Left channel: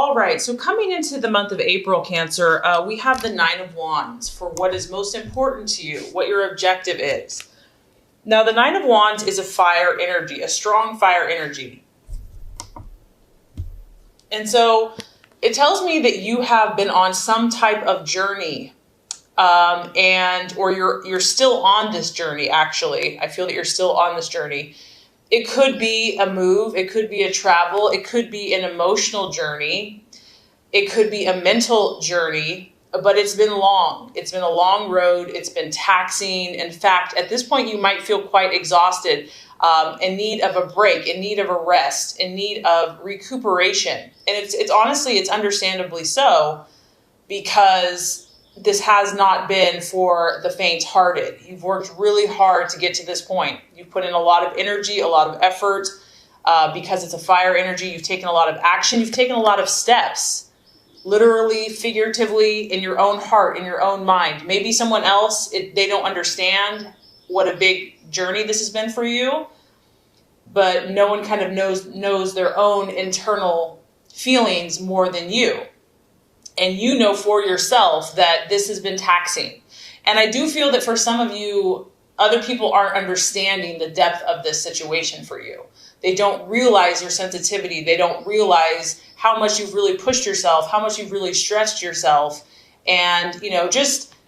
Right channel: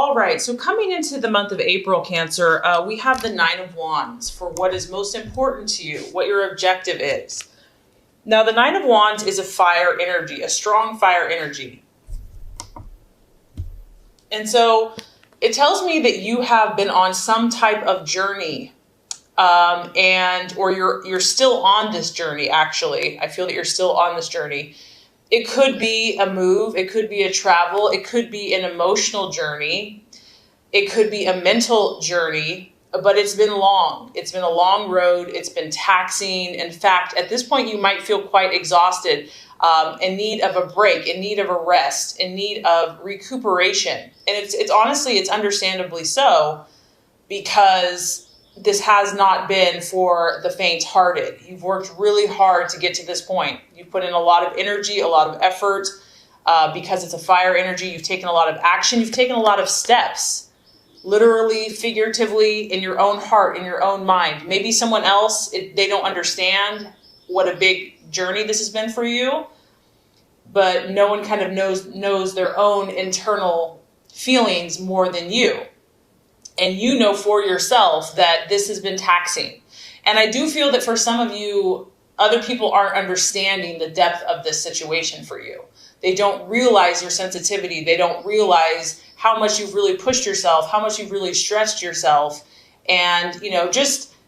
All right, so coming into the month of April, Cancer, we have the Nine of Wands for what is most important to you, what your objective is. Now, the Nine of Wands is a fire energy, a strong fire energy. And so it tells me that you have been on some type of journey, or you're still on this journey, actually. I feel that you're still on this journey. It could be a move, it could be a travel, it could be an emotional journey, it could be a mental journey, but it's been long. It's been a long road, it's been taxing. In fact, at this point, you might feel quite exhausted, in need of a break, in need of a rest, in need of recuperation. And it's honestly, it's understandably so, because this has not been for the faint-hearted. You've worked really hard to get to this point. You've put in a lot of energy, a lot of effort, because it's a fire energy. You've taken a lot of action. You've taken a lot of steps, literally, figuratively, in your own heart, in your own mind. Maybe someone else, they don't understand what a big journey this has been for you, but no one kind of knows their own internal feelings more than you. And you know for yourself that this has been taxing. And I do feel that for some of you, other people aren't understanding the depth of this situation for you. They don't realize your sensitivity. They don't realize how much you've really pushed yourself, how much you've really stretched yourself. And,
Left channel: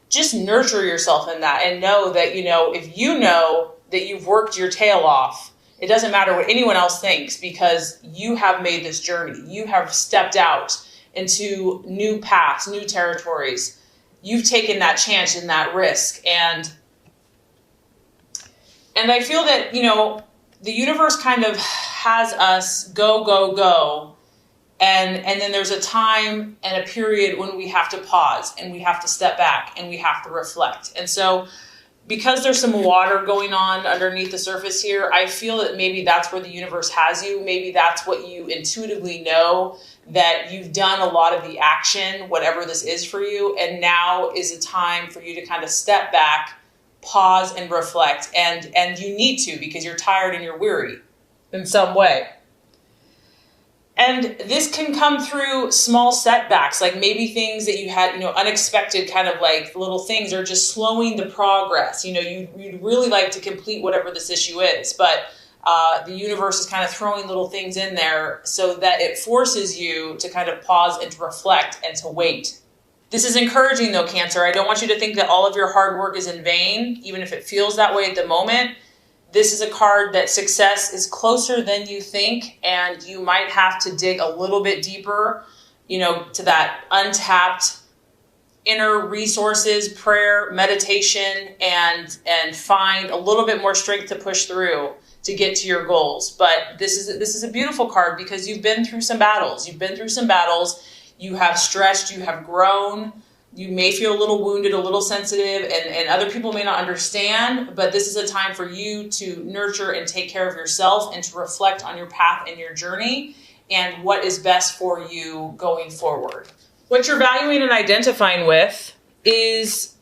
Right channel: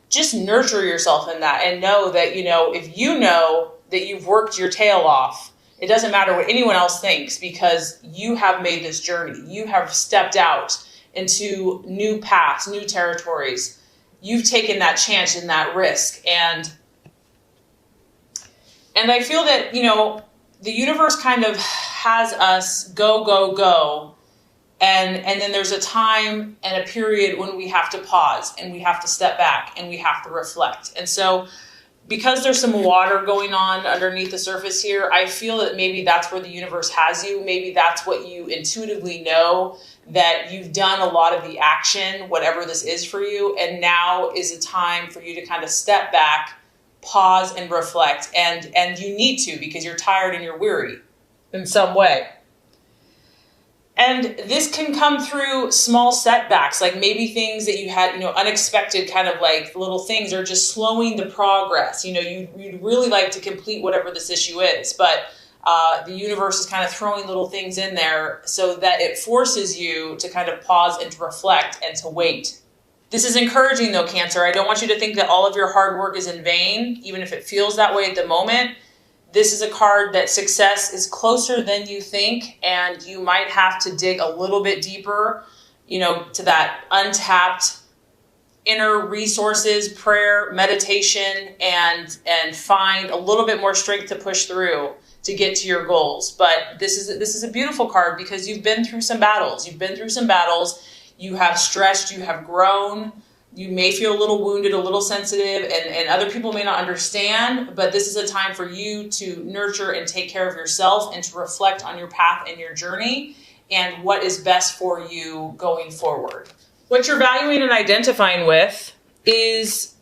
just nurture yourself in that and know that, if you know that you've worked your tail off, it doesn't matter what anyone else thinks, because you have made this journey. You have stepped out into new paths, new territories. You've taken that chance and that risk. And I feel that, the universe kind of has us go, go, go. And then there's a time and a period when we have to pause and we have to step back and we have to reflect. And so because there's some water going on underneath the surface here, I feel that maybe that's where the universe has you. Maybe that's what you intuitively know, that you've done a lot of the action, whatever this is for you. And now is a time for you to kind of step back, pause and reflect. And you need to, because you're tired and you're weary in some way. And this can come through small setbacks, like maybe things that you had, unexpected kind of like little things are just slowing the progress. You'd really like to complete whatever this issue is, but the universe is kind of throwing little things in there so that it forces you to kind of pause and to reflect and to wait. This is encouraging though, Cancer. I don't want you to think that all of your hard work is in vain, even if it feels that way at the moment. This is a card that success is closer than you think, and you might have to dig a little bit deeper, to that untapped inner resources, prayer, meditation, and find a little bit more strength to push through to get to your goals. But this is a beautiful card because you've been through some battles. You have stretched, you have grown. You may feel a little wounded, a little sensitive, and other people may not understand, but this is a time for you to nurture and take care of yourself and to reflect on your path and your journey and what is best for you going forward. What you're valuing and identifying with is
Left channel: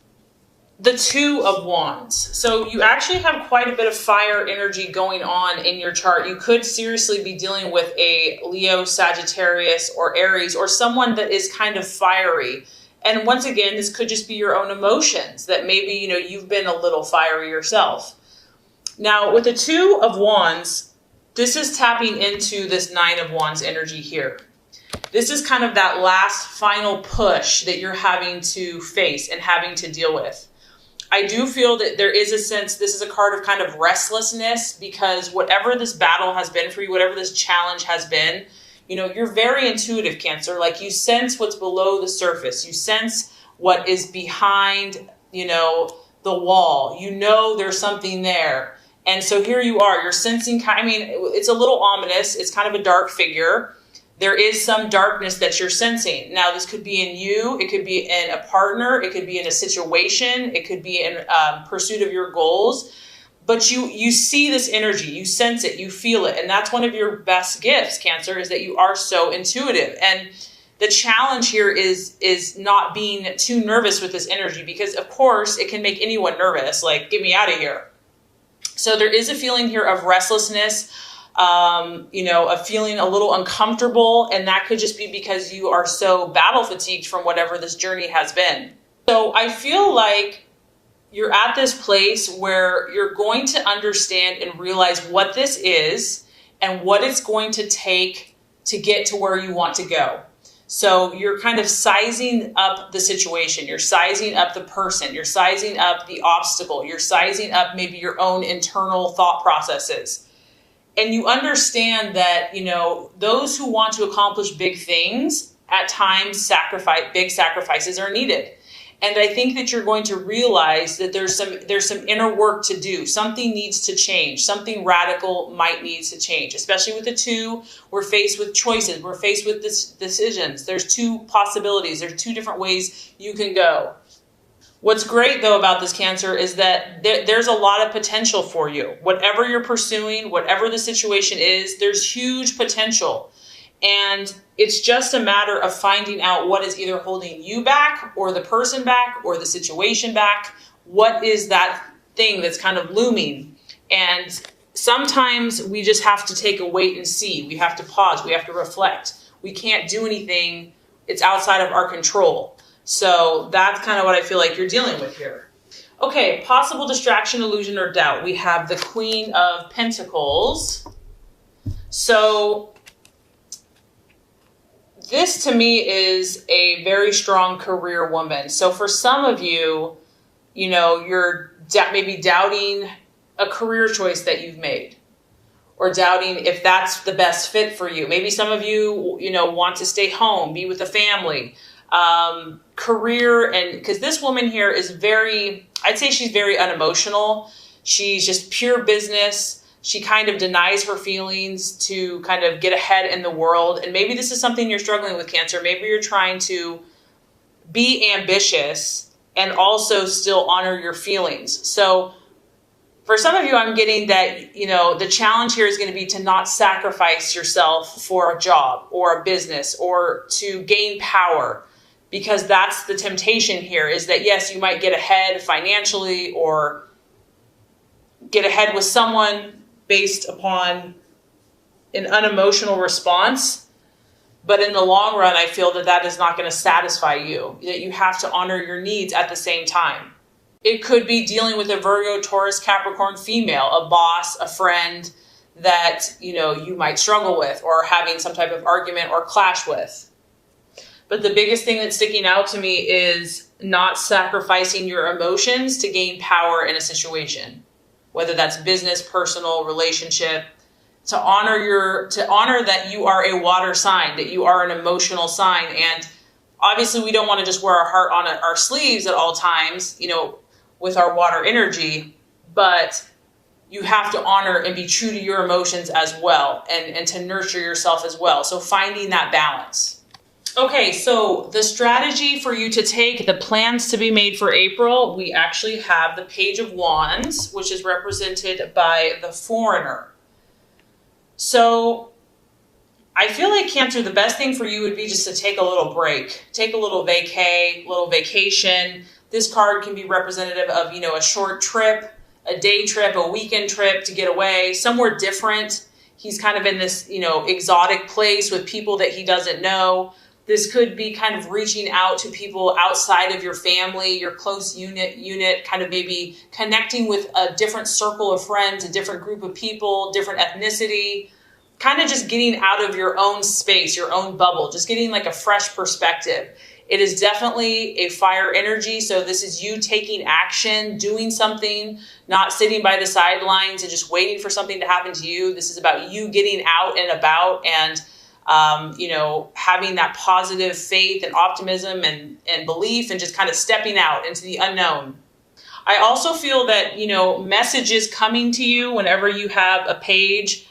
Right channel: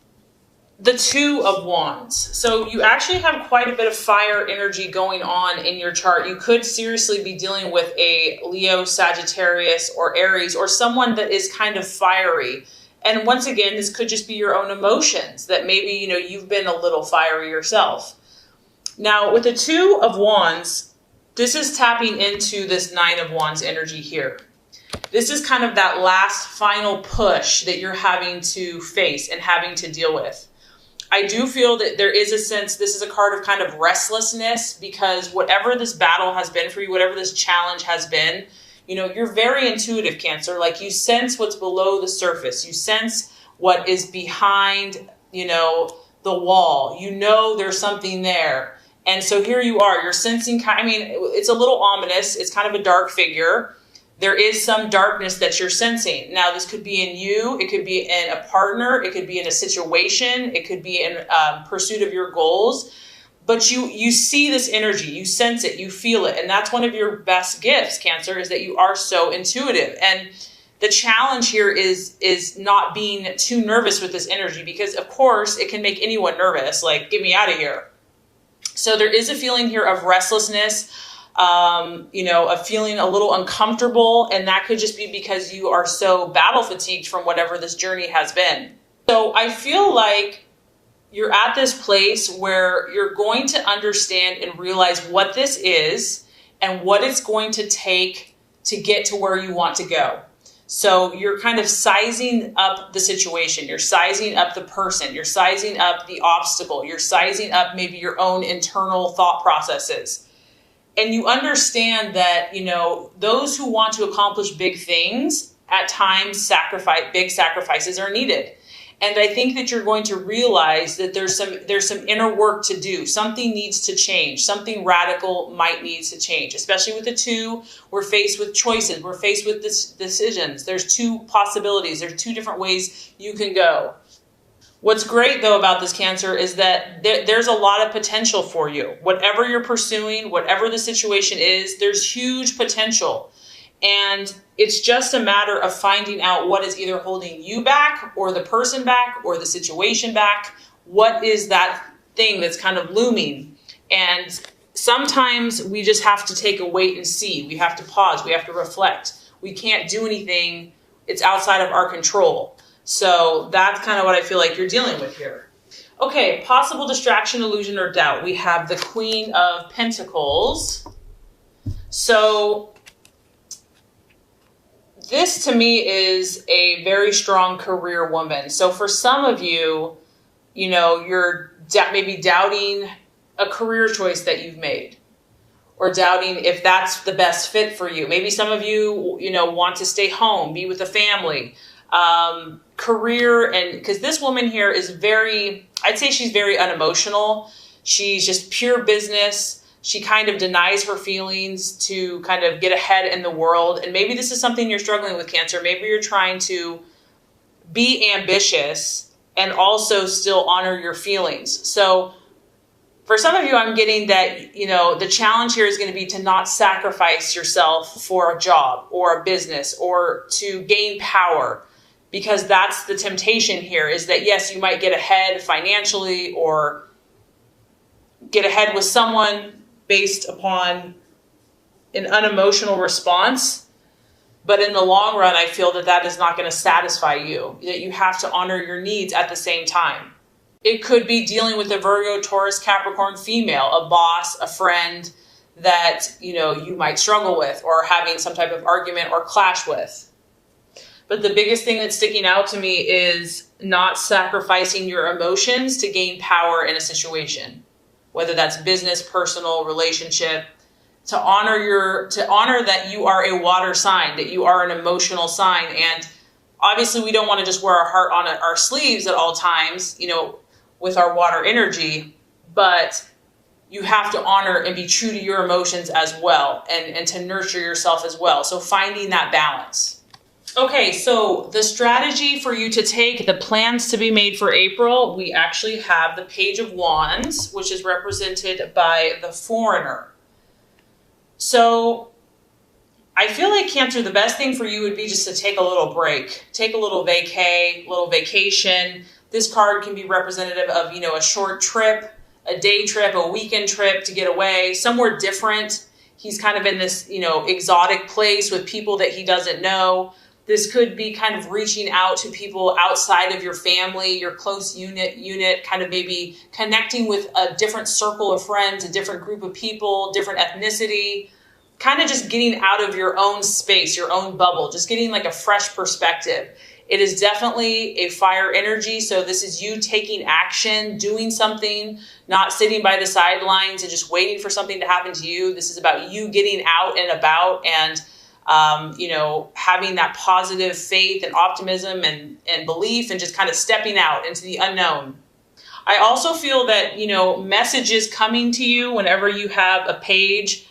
the Two of Wands. So you actually have quite a bit of fire energy going on in your chart. You could seriously be dealing with a Leo, Sagittarius, or Aries, or someone that is kind of fiery. And once again, this could just be your own emotions that maybe, you've been a little fiery yourself. Now, with the Two of Wands, this is tapping into this Nine of Wands energy here. This is kind of that last final push that you're having to face and having to deal with. I do feel that there is a sense, this is a card of kind of restlessness, because whatever this battle has been for you, whatever this challenge has been, you're very intuitive, Cancer. Like you sense what's below the surface. You sense what is behind, the wall. There's something there. And so here you are, you're sensing, it's a little ominous. It's kind of a dark figure. There is some darkness that you're sensing. Now, this could be in you. It could be in a partner. It could be in a situation. It could be in pursuit of your goals. But you see this energy, you sense it, you feel it. And that's one of your best gifts, Cancer, is that you are so intuitive. And the challenge here is not being too nervous with this energy, because of course it can make anyone nervous, like, get me out of here. So there is a feeling here of restlessness, a feeling a little uncomfortable, and that could just be because you are so battle fatigued from whatever this journey has been. So I feel like you're at this place where you're going to understand and realize what this is and what it's going to take to get to where you want to go. So you're kind of sizing up the situation. You're sizing up the person. You're sizing up the obstacle. You're sizing up maybe your own internal thought processes. And you understand that, those who want to accomplish big things, at times big sacrifices are needed. And I think that you're going to realize that there's some inner work to do. Something needs to change. Something radical might need to change. Especially with the two, we're faced with choices. We're faced with decisions. There's two possibilities. There's two different ways you can go. What's great, though, about this Cancer is that there's a lot of potential for you. Whatever you're pursuing, whatever the situation is, there's huge potential. And it's just a matter of finding out what is either holding you back or the person back or the situation back. What is that thing that's kind of looming? And sometimes we just have to take a wait and see. We have to pause. We have to reflect. We can't do anything. It's outside of our control. So that's kind of what I feel like you're dealing with here. Okay, possible distraction, illusion, or doubt. We have the Queen of Pentacles. So this to me is a very strong career woman. So for some of you, you're maybe doubting a career choice that you've made, or doubting if that's the best fit for you. Maybe some of you, want to stay home, be with the family. Career, and because this woman here is I'd say she's very unemotional. She's just pure business. She kind of denies her feelings to kind of get ahead in the world. And maybe this is something you're struggling with, Cancer. Maybe you're trying to be ambitious and also still honor your feelings. So for some of you, I'm getting that, the challenge here is going to be to not sacrifice yourself for a job or a business or to gain power. Because that's the temptation here, is that, yes, you might get ahead financially or get ahead with someone based upon an unemotional response. But in the long run, I feel that is not going to satisfy you, that you have to honor your needs at the same time. It could be dealing with a Virgo, Taurus, Capricorn female, a boss, a friend that, you might struggle with or having some type of argument or clash with. But the biggest thing that's sticking out to me is not sacrificing your emotions to gain power in a situation, whether that's business, personal, relationship, to honor that you are a water sign, that you are an emotional sign. And obviously we don't want to just wear our heart on our sleeves at all times, with our water energy, but you have to honor and be true to your emotions as well, and to nurture yourself as well. So finding that balance. Okay, so the strategy for you to take, the plans to be made for April, we actually have the Page of Wands, which is represented by the Foreigner. So I feel like, Cancer, the best thing for you would be just to take a little break, take a little vacation. This card can be representative of, a short trip, a day trip, a weekend trip to get away, somewhere different. He's kind of in this, exotic place with people that he doesn't know. This could be kind of reaching out to people outside of your family, your close unit, kind of maybe connecting with a different circle of friends, a different group of people, different ethnicity, kind of just getting out of your own space, your own bubble, just getting like a fresh perspective. It is definitely a fire energy. So this is you taking action, doing something, not sitting by the sidelines and just waiting for something to happen to you. This is about you getting out and about and having that positive faith and optimism and belief and just kind of stepping out into the unknown. I also feel that, messages coming to you whenever you have a page,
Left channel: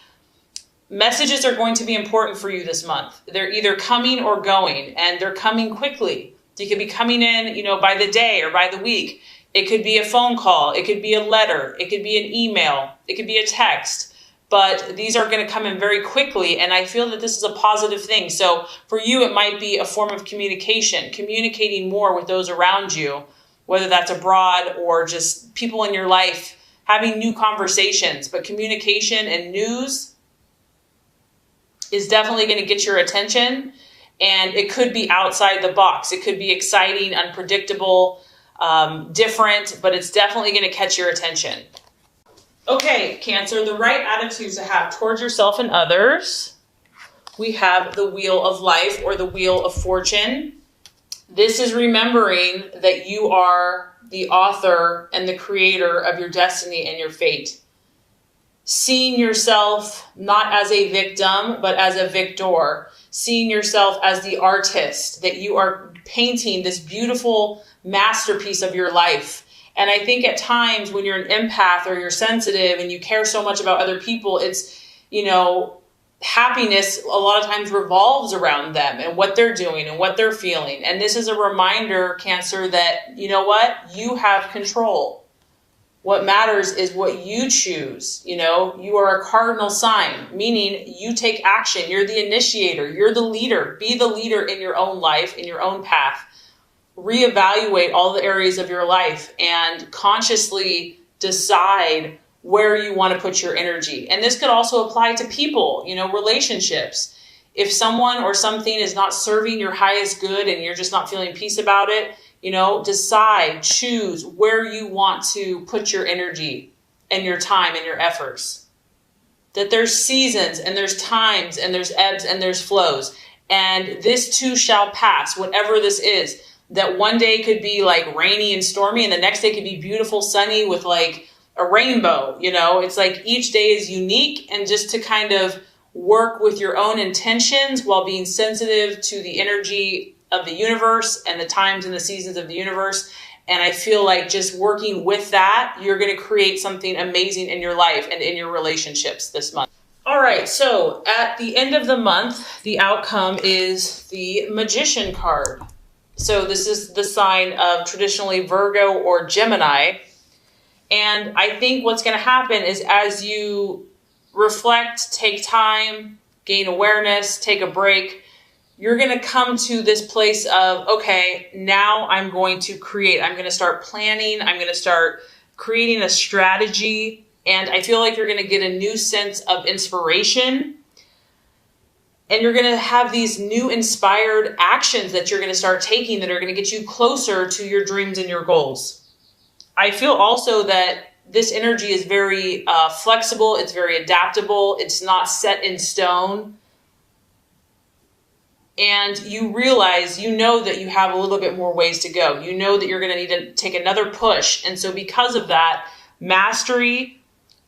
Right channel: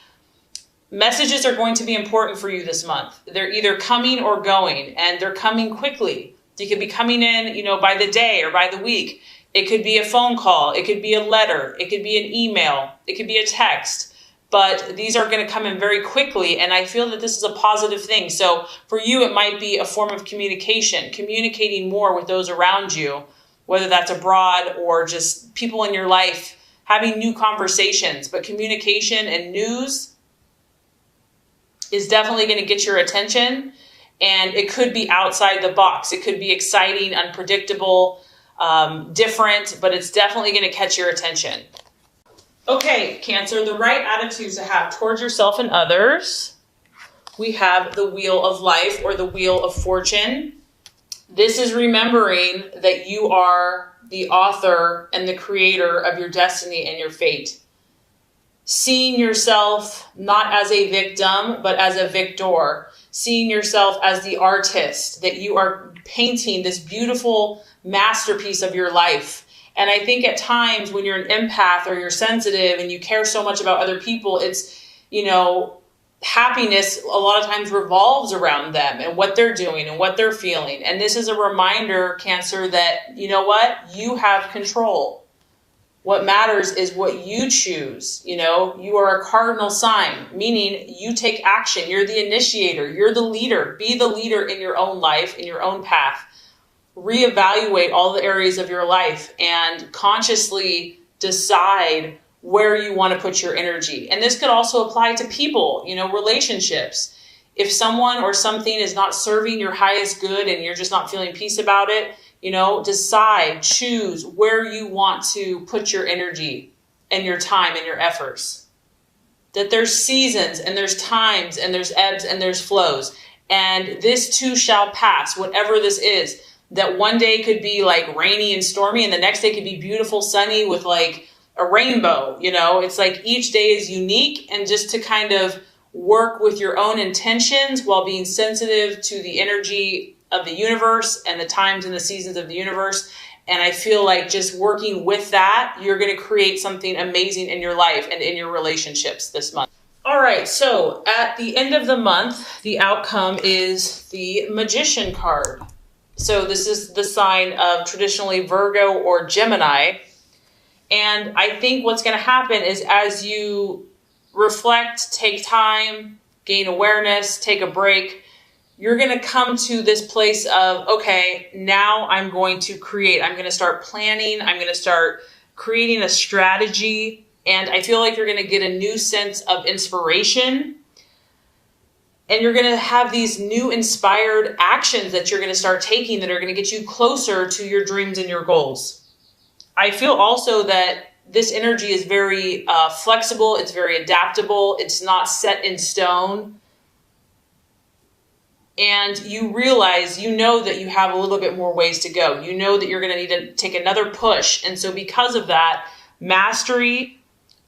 messages are going to be important for you this month. They're either coming or going, and they're coming quickly. You could be coming in, by the day or by the week. It could be a phone call. It could be a letter. It could be an email. It could be a text. But these are going to come in very quickly, and I feel that this is a positive thing. So for you, it might be a form of communicating more with those around you, whether that's abroad or just people in your life, having new conversations. But communication and news is definitely going to get your attention. And it could be outside the box. It could be exciting, unpredictable, different, but it's definitely going to catch your attention. Okay, Cancer, the right attitudes to have towards yourself and others. We have the Wheel of Life or the Wheel of Fortune. This is remembering that you are the author and the creator of your destiny and your fate. Seeing yourself not as a victim, but as a victor. Seeing yourself as the artist, that you are painting this beautiful masterpiece of your life. And I think at times when you're an empath or you're sensitive and you care so much about other people, it's, happiness a lot of times revolves around them and what they're doing and what they're feeling. And this is a reminder, Cancer, that you know what? You have control. What matters is what you choose. You are a cardinal sign, meaning you take action. You're the initiator. You're the leader. Be the leader in your own life, in your own path. Reevaluate all the areas of your life and consciously decide where you want to put your energy. And this could also apply to people, relationships. If someone or something is not serving your highest good and you're just not feeling peace about it, decide, choose where you want to put your energy and your time and your efforts. That there's seasons and there's times and there's ebbs and there's flows. And this too shall pass, whatever this is. That one day could be like rainy and stormy and the next day could be beautiful, sunny with like a rainbow. It's like each day is unique, and just to kind of work with your own intentions while being sensitive to the energy of the universe and the times and the seasons of the universe. And I feel like just working with that, you're going to create something amazing in your life and in your relationships this month. All right, so at the end of the month, the outcome is the Magician card. So this is the sign of traditionally Virgo or Gemini. And I think what's going to happen is as you reflect, take time, gain awareness, take a break, you're going to come to this place of, okay, now I'm going to create. I'm going to start planning. I'm going to start creating a strategy. And I feel like you're going to get a new sense of inspiration. And you're going to have these new inspired actions that you're going to start taking that are going to get you closer to your dreams and your goals. I feel also that this energy is very flexible. It's very adaptable. It's not set in stone. And you realize, that you have a little bit more ways to go. You know that you're going to need to take another push. And so because of that, mastery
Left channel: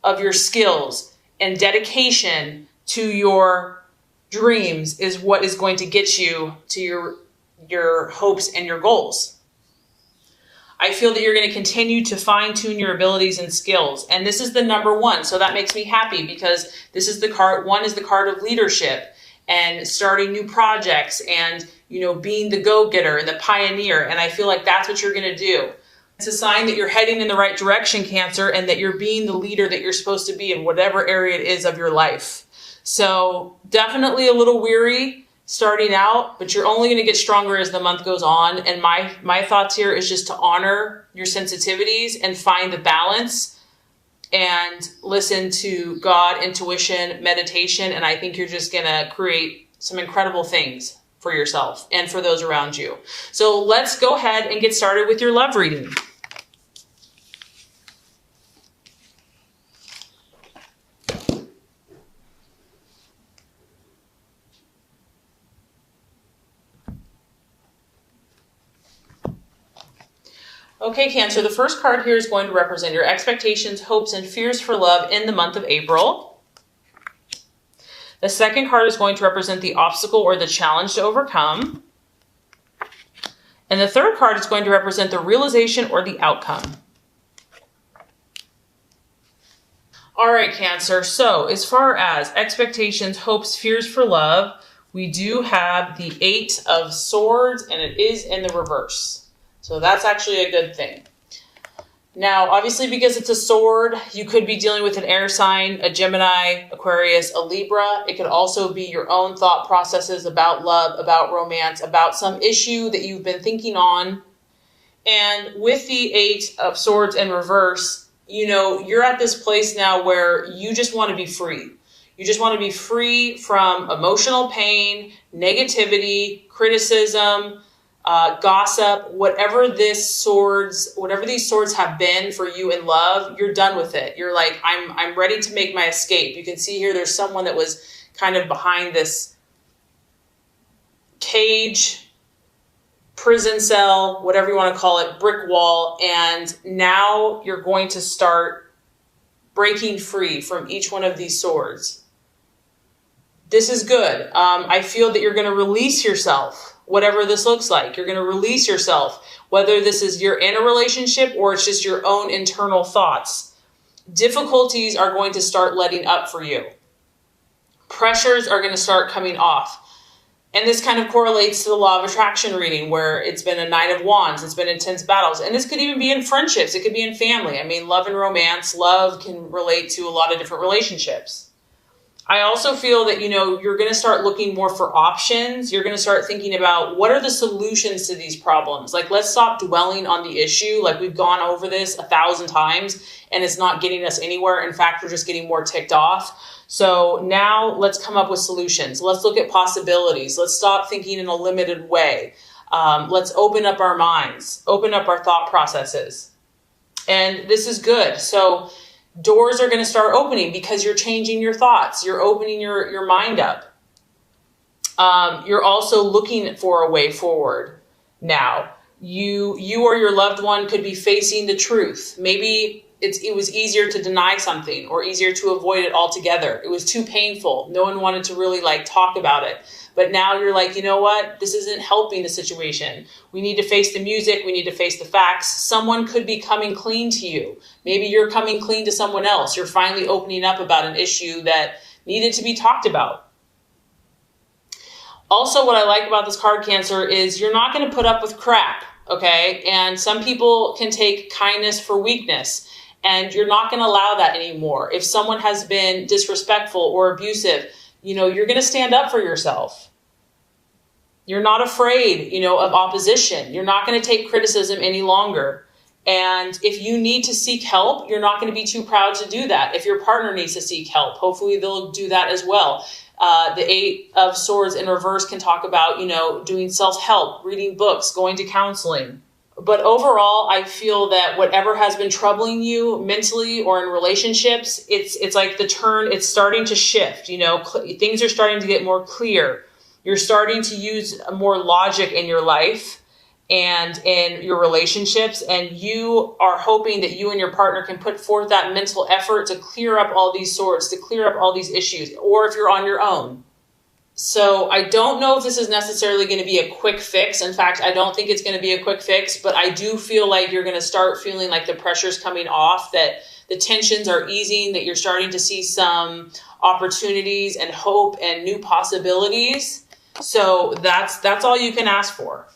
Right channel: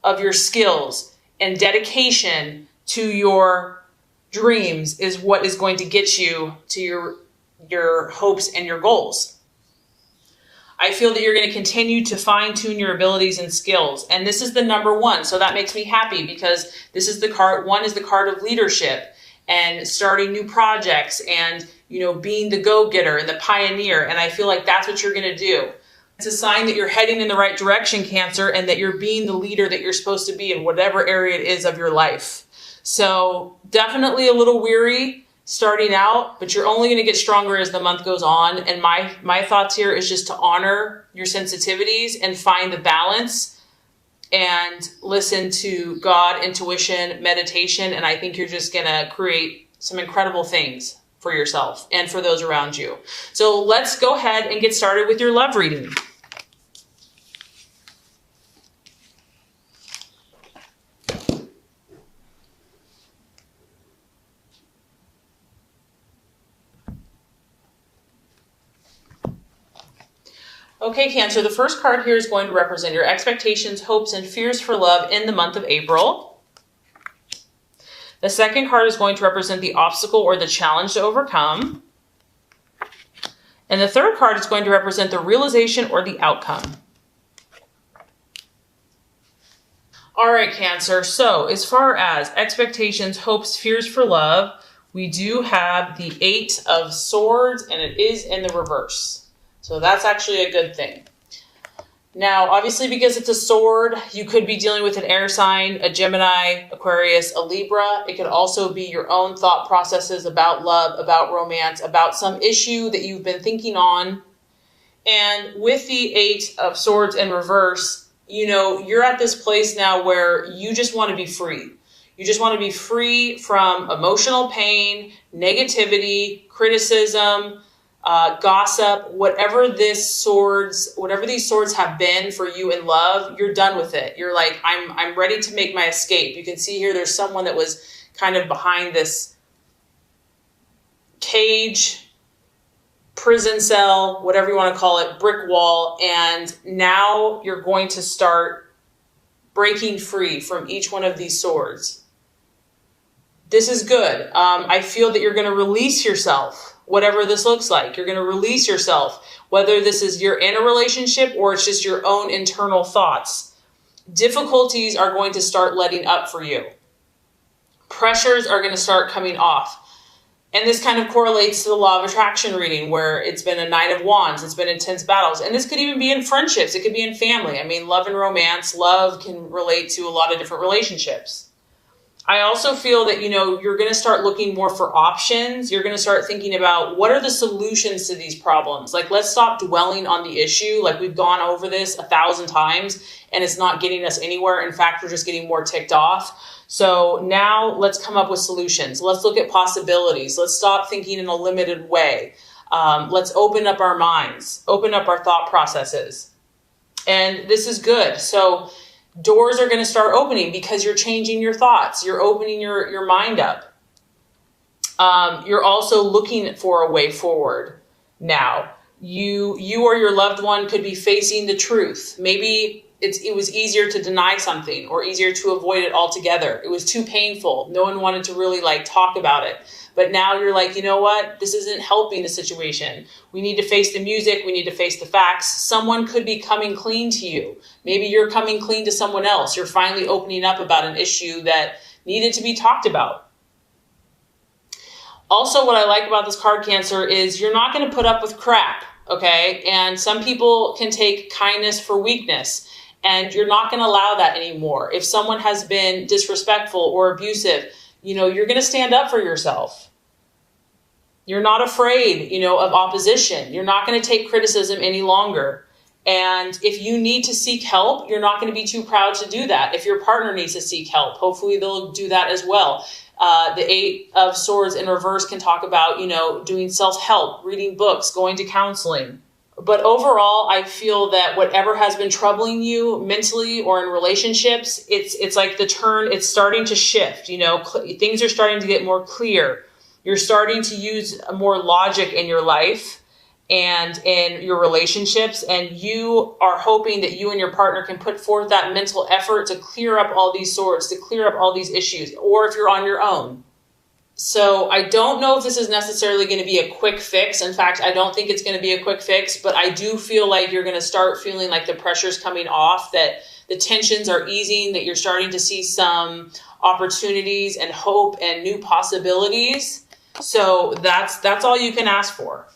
of your skills and dedication to your dreams is what is going to get you to your hopes and your goals. I feel that you're going to continue to fine-tune your abilities and skills. And this is the number one. So that makes me happy because this is the card. One is the card of leadership and starting new projects and, being the go-getter, the pioneer. And I feel like that's what you're going to do. It's a sign that you're heading in the right direction, Cancer, and that you're being the leader that you're supposed to be in whatever area it is of your life. So definitely a little weary starting out, but you're only going to get stronger as the month goes on. And my thoughts here is just to honor your sensitivities and find the balance and listen to God, intuition, meditation. And I think you're just going to create some incredible things for yourself and for those around you. So let's go ahead and get started with your love reading. Okay, Cancer, the first card here is going to represent your expectations, hopes, and fears for love in the month of April. The second card is going to represent the obstacle or the challenge to overcome. And the third card is going to represent the realization or the outcome. All right, Cancer. So as far as expectations, hopes, fears for love, we do have the 8 of Swords, and it is in the reverse. So that's actually a good thing. Now, obviously, because it's a sword, you could be dealing with an air sign, a Gemini, Aquarius, a Libra. It could also be your own thought processes about love, about romance, about some issue that you've been thinking on. And with the 8 of Swords in reverse, you're at this place now where you just want to be free. You just want to be free from emotional pain, negativity, criticism, gossip, whatever these swords have been for you in love. You're done with it. You're like, I'm ready to make my escape. You can see here there's someone that was kind of behind this cage, prison cell, whatever you want to call it, brick wall, and now you're going to start breaking free from each one of these swords. This is good. I feel that you're going to release yourself, whatever this looks like. You're going to release yourself, whether this is you're in a relationship or it's just your own internal thoughts. Difficulties are going to start letting up for you. Pressures are going to start coming off. And this kind of correlates to the law of attraction reading, where it's been a 9 of Wands, it's been intense battles. And this could even be in friendships. It could be in family. I mean, love and romance, love can relate to a lot of different relationships. I also feel that, you're going to start looking more for options. You're going to start thinking about what are the solutions to these problems? Like, let's stop dwelling on the issue. Like, we've gone over this 1,000 times and it's not getting us anywhere. In fact, we're just getting more ticked off. So now let's come up with solutions. Let's look at possibilities. Let's stop thinking in a limited way. Let's open up our minds, open up our thought processes. And this is good. So doors are going to start opening because you're changing your thoughts. You're opening your mind up. You're also looking for a way forward now. You or your loved one could be facing the truth. Maybe it was easier to deny something or easier to avoid it altogether. It was too painful. No one wanted to really talk about it. But now you're like, you know what? This isn't helping the situation. We need to face the music. We need to face the facts. Someone could be coming clean to you. Maybe you're coming clean to someone else. You're finally opening up about an issue that needed to be talked about. Also, what I like about this card, Cancer, is you're not going to put up with crap, okay? And some people can take kindness for weakness. And you're not going to allow that anymore. If someone has been disrespectful or abusive, you're going to stand up for yourself. You're not afraid, of opposition. You're not going to take criticism any longer. And if you need to seek help, you're not going to be too proud to do that. If your partner needs to seek help, hopefully they'll do that as well. The 8 of Swords in reverse can talk about, doing self-help, reading books, going to counseling. But overall, I feel that whatever has been troubling you mentally or in relationships, it's like the turn, it's starting to shift, things are starting to get more clear. You're starting to use more logic in your life and in your relationships. And you are hoping that you and your partner can put forth that mental effort to clear up all these swords, to clear up all these issues, or if you're on your own. So I don't know if this is necessarily going to be a quick fix. In fact, I don't think it's going to be a quick fix, but I do feel like you're going to start feeling like the pressure's coming off, that the tensions are easing, that you're starting to see some opportunities and hope and new possibilities. So that's all you can ask for.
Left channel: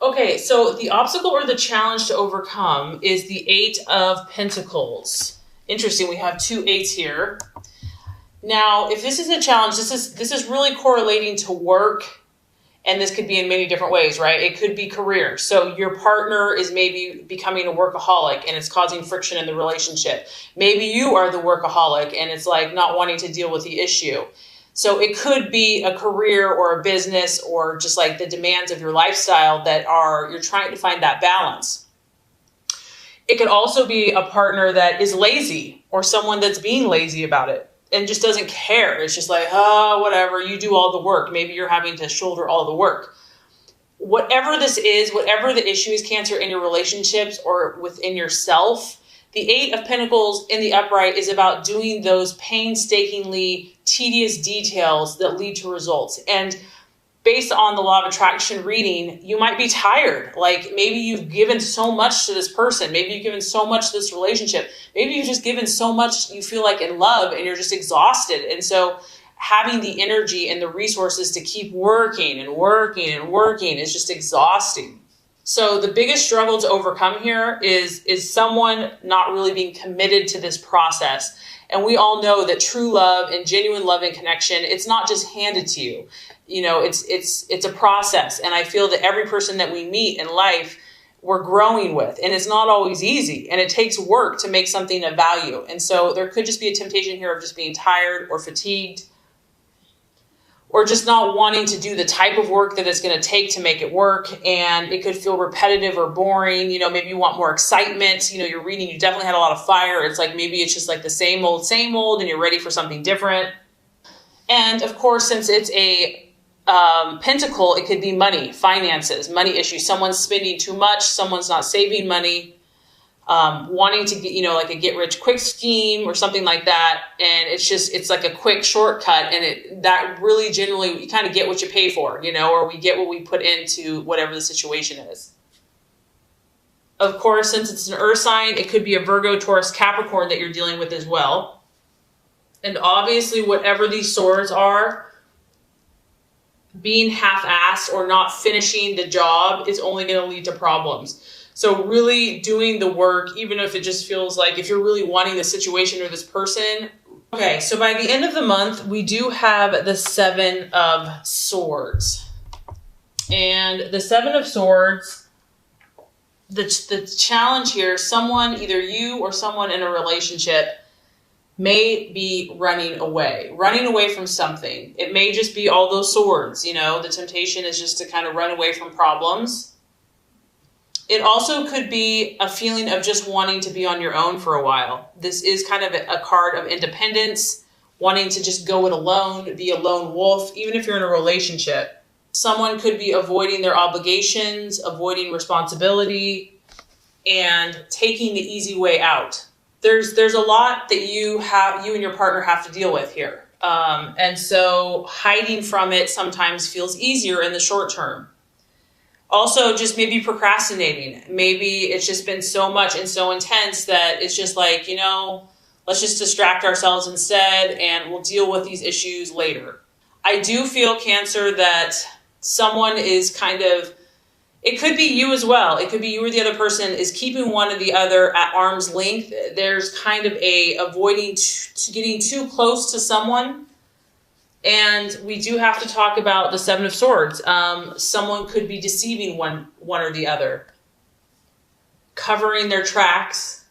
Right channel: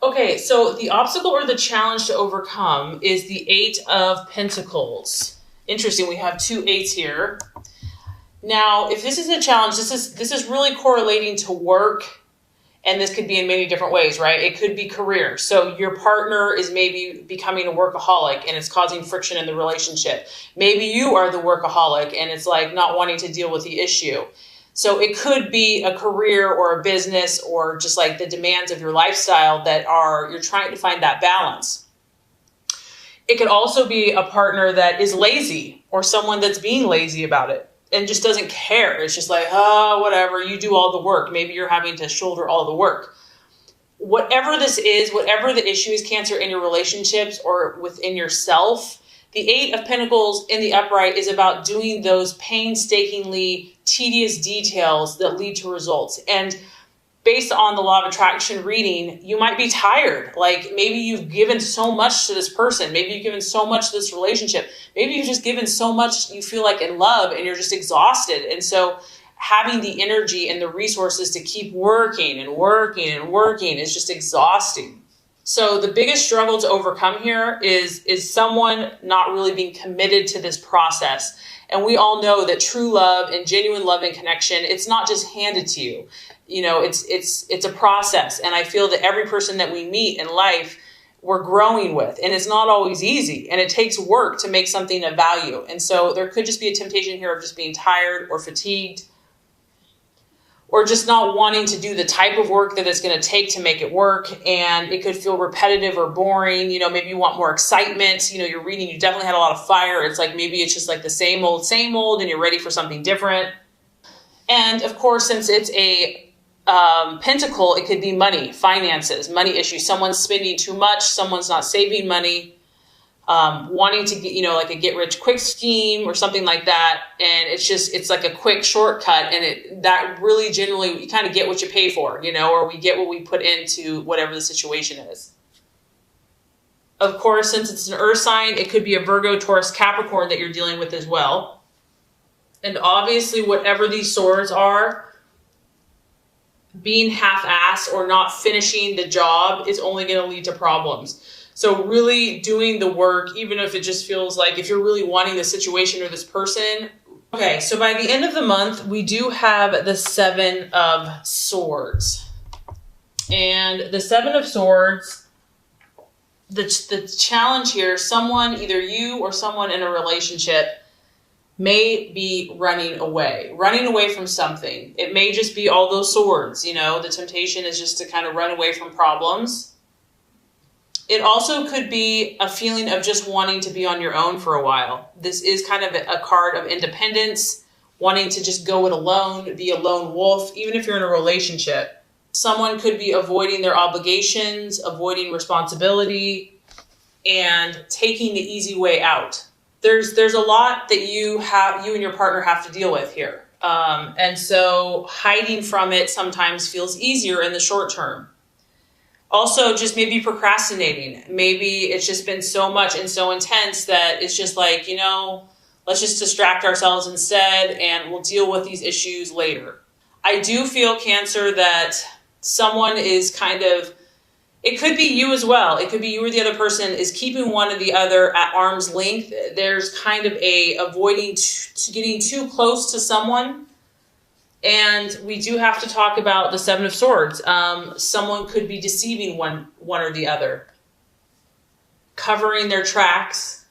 Okay, so the obstacle or the challenge to overcome is the 8 of Pentacles. Interesting, we have 2 8s here. Now, if this is a challenge, this is really correlating to work, and this could be in many different ways, right? It could be career. So your partner is maybe becoming a workaholic and it's causing friction in the relationship. Maybe you are the workaholic and it's like not wanting to deal with the issue. So it could be a career or a business or just like the demands of your lifestyle that you're trying to find that balance. It could also be a partner that is lazy or someone that's being lazy about it and just doesn't care. It's just like, whatever, you do all the work. Maybe you're having to shoulder all the work. Whatever this is, whatever the issue is, Cancer, in your relationships or within yourself, the 8 of Pentacles in the upright is about doing those painstakingly tedious details that lead to results. And based on the law of attraction reading, you might be tired. Like maybe you've given so much to this person. Maybe you've given so much to this relationship. Maybe you've just given so much you feel like in love and you're just exhausted. And so having the energy and the resources to keep working and working and working is just exhausting. So the biggest struggle to overcome here is someone not really being committed to this process. And we all know that true love and genuine love and connection, it's not just handed to you. It's a process. And I feel that every person that we meet in life, we're growing with. And it's not always easy, and it takes work to make something of value. And so there could just be a temptation here of just being tired or fatigued, or just not wanting to do the type of work that it's going to take to make it work. And it could feel repetitive or boring. Maybe you want more excitement. You're reading, you definitely had a lot of fire. It's like, maybe it's just like the same old, and you're ready for something different. And of course, since it's a pentacle, it could be money, finances, money issues. Someone's spending too much. Someone's not saving money. Wanting to get, like a get rich quick scheme or something like that. And it's like a quick shortcut. And that really generally, you kind of get what you pay for, or we get what we put into whatever the situation is. Of course, since it's an earth sign, it could be a Virgo, Taurus, Capricorn that you're dealing with as well. And obviously, whatever these swords are, being half-assed or not finishing the job is only going to lead to problems. So really doing the work, even if it just feels like, if you're really wanting the situation or this person. Okay, so by the end of the month, we do have the 7 of Swords. And the 7 of Swords, the challenge here, someone, either you or someone in a relationship, may be running away from something. It may just be all those swords, the temptation is just to kind of run away from problems. It also could be a feeling of just wanting to be on your own for a while. This is kind of a card of independence, wanting to just go it alone, be a lone wolf, even if you're in a relationship. Someone could be avoiding their obligations, avoiding responsibility, and taking the easy way out. There's a lot that you and your partner have to deal with here. And so hiding from it sometimes feels easier in the short term. Also, just maybe procrastinating. Maybe it's just been so much and so intense that it's just like, let's just distract ourselves instead, and we'll deal with these issues later. I do feel, Cancer, that someone is it could be you as well. It could be you or the other person is keeping one or the other at arm's length. There's kind of avoiding getting too close to someone. And we do have to talk about the 7 of Swords. Someone could be deceiving one or the other, covering their tracks,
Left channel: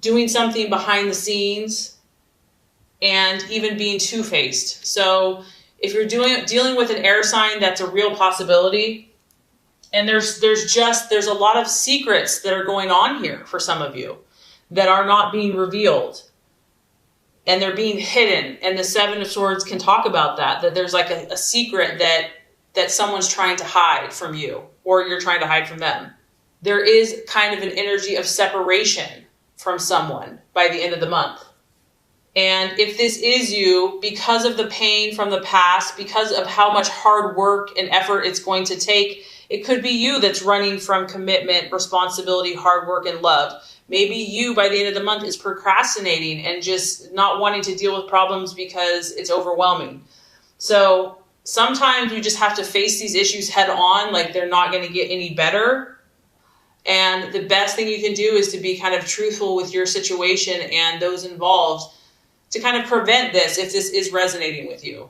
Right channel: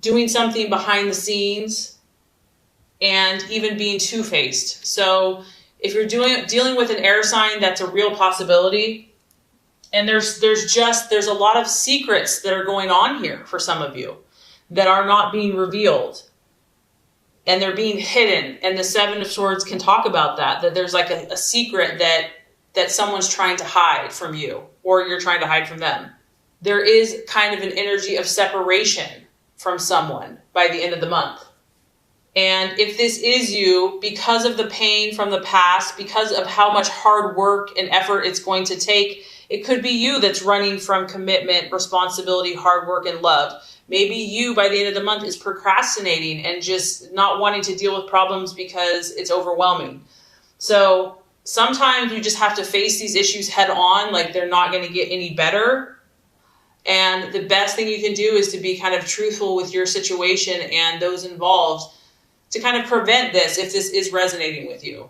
doing something behind the scenes, and even being two-faced. So if you're dealing with an air sign, that's a real possibility. And there's a lot of secrets that are going on here for some of you that are not being revealed. And they're being hidden. And the 7 of Swords can talk about that there's like a secret that someone's trying to hide from you, or you're trying to hide from them. There is kind of an energy of separation from someone by the end of the month. And if this is you, because of the pain from the past, because of how much hard work and effort it's going to take, it could be you that's running from commitment, responsibility, hard work, and love. Maybe you, by the end of the month, is procrastinating and just not wanting to deal with problems because it's overwhelming. So sometimes you just have to face these issues head on, like they're not going to get any better. And the best thing you can do is to be kind of truthful with your situation and those involved to kind of prevent this if this is resonating with you.